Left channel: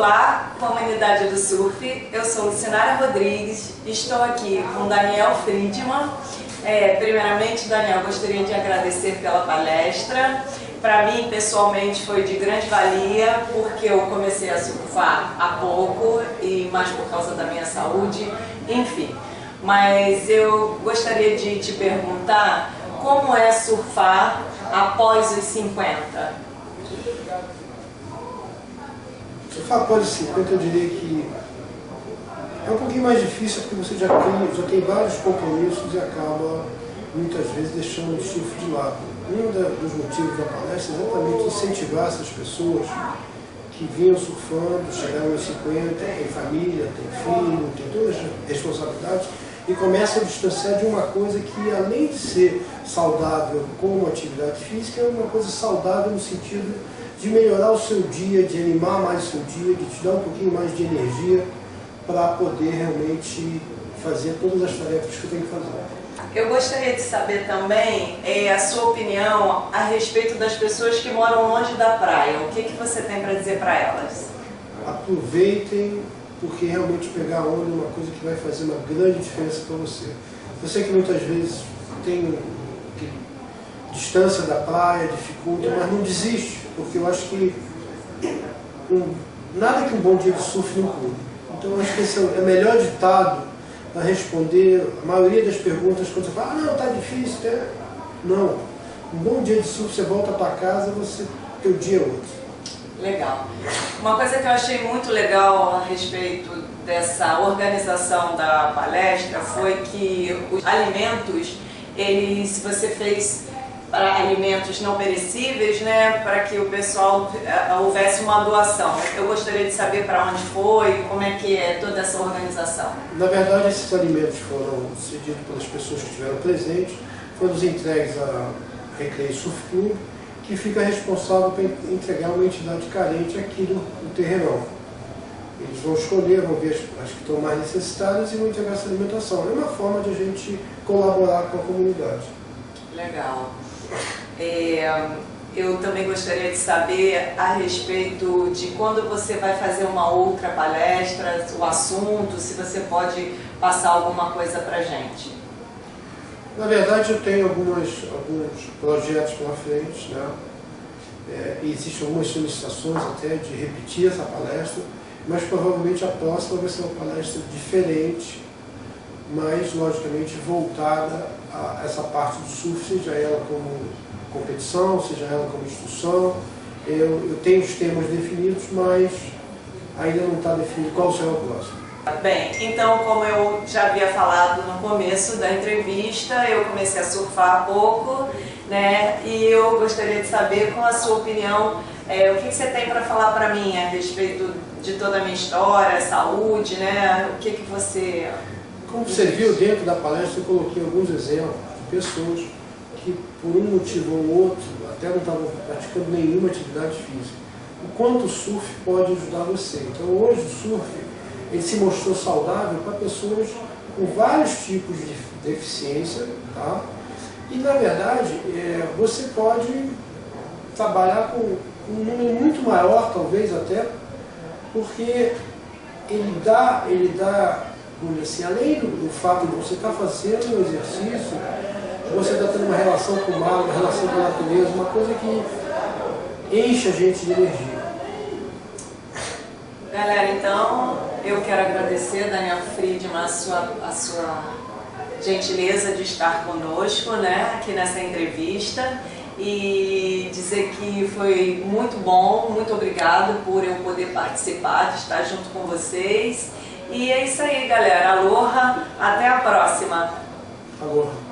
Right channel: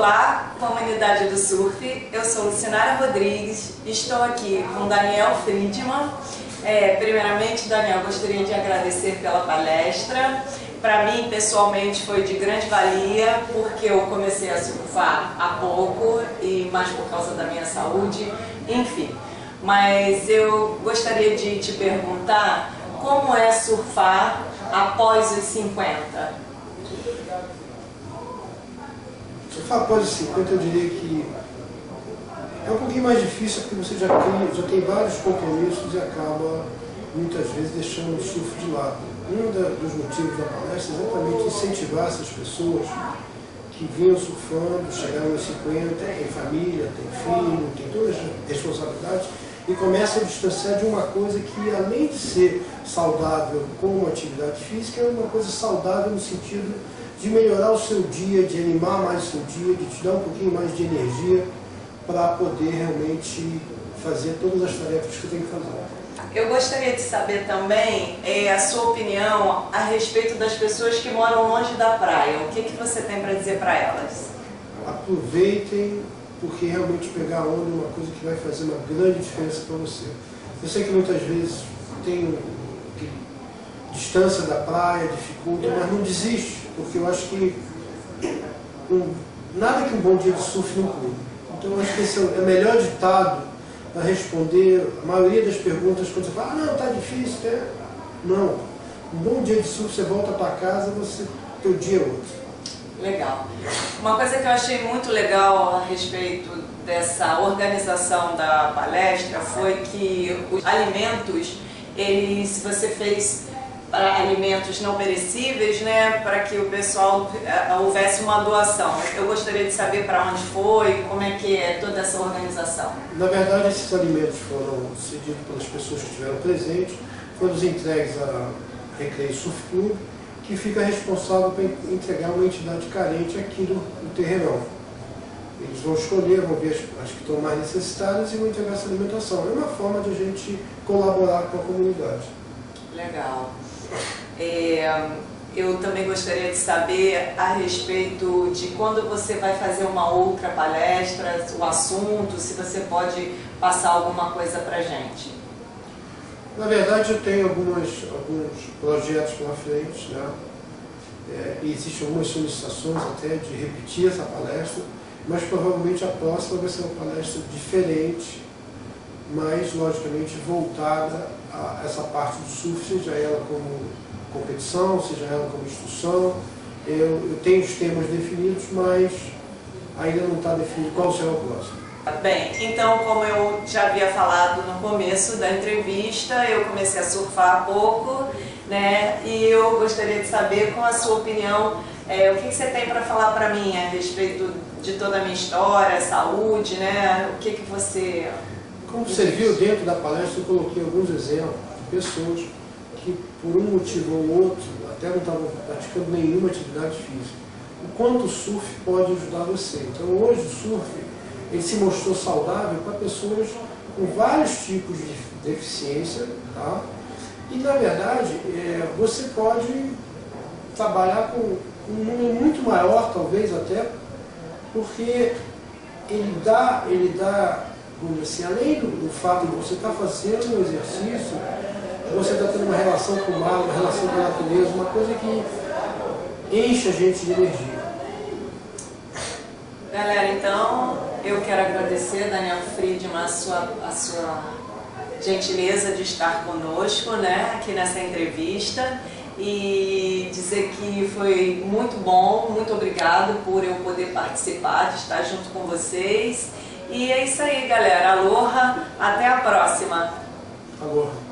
Olá, comunidade do surf, eu sou Lucinara Rodrigues, estou aqui com Daniel Friedman. Primeiramente, Daniel, gostaria de agradecer pela palestra. Para mim, pessoalmente, foi de grande valia, porque eu comecei a surfar há pouco, e mais por causa da minha saúde, enfim. Mas eu gostaria de te perguntar como é surfar após os 50? Surfar após os 50, eu diria que é um pouquinho mais difícil, porque você já tem vários compromissos e acaba, muitas vezes, deixando o surf de lado. Um dos motivos da palestra é exatamente incentivar essas pessoas que vinham surfando, chegaram aos 50, têm família, têm filho, têm todas as responsabilidades, e começam a distanciar de uma coisa que, além de ser saudável como atividade física, é uma coisa saudável no sentido de melhorar o seu dia, de animar mais o seu dia, de te dar um pouquinho mais de energia para poder realmente fazer todas as tarefas que você tem que fazer. Eu gostaria de saber também a sua opinião a respeito das pessoas que moram longe da praia. O que você tem para dizer para elas? Aproveitem, porque realmente pegar onda é uma coisa que vai fazer uma grande diferença para você. Eu sei que muitas vezes tem distância da praia, dificulta, mas não desiste, porque eu acho que nada que um bom dia de surf não cure. Então eu acho que esse é o melhor ditado para responder a maioria das perguntas quando você fala, não, tá difícil, né? Não. Um bom dia de surf, você volta para casa, teu dia é outro. Legal. Uma coisa que eu achei muito legal a respeito dessa organização da palestra foi que os alimentos, se você fez para alimentos não perecíveis, né, para que o pessoal houvesse uma doação. Eu gostaria de saber para onde foi, como é que é toda essa organização. Na verdade, esses alimentos foram cedidos pelas pessoas que estiveram presentes, foram entregues à Recreio Surf Club, que fica responsável por entregar uma entidade carente aqui no terrenão. Eles vão escolher, vão ver as que estão mais necessitadas e vão entregar essa alimentação. É uma forma de a gente colaborar com a comunidade. Legal. Eu também gostaria de saber a respeito de quando você vai fazer uma outra palestra, o assunto, se você pode passar alguma coisa para a gente. Na verdade, eu tenho alguns projetos pela frente, né? Existem algumas solicitações até de repetir essa palestra, mas provavelmente a próxima vai ser uma palestra diferente, mas logicamente voltada a essa parte do surf, seja ela como competição, seja ela como instrução. Eu tenho os temas definidos, mas ainda não está definido qual será o próximo. Bem, então, como eu já havia falado no começo da entrevista, eu comecei a surfar há pouco, né? E eu gostaria de saber, com a sua opinião, o que você tem para falar para mim a respeito de toda a minha história, saúde, né? O que você... Como você viu dentro da palestra, eu coloquei alguns exemplos de pessoas que, por um motivo ou outro, até não estavam praticando nenhuma atividade física. O quanto o surf pode ajudar você. Então, hoje o surf ele se mostrou saudável para pessoas com vários tipos de deficiência, tá? E, na verdade, você pode trabalhar com um número muito maior, talvez até, porque ele dá assim, além do fato de você estar fazendo um exercício, você está tendo uma relação com o mar, uma relação com a natureza, uma coisa que enche a gente de energia. Galera, então eu quero agradecer, Daniel Friedman, a sua gentileza de estar conosco, né, aqui nessa entrevista, e dizer que foi muito bom, muito obrigado por eu poder participar, de estar junto com vocês. E é isso aí, galera. Aloha, até a próxima. Aloha.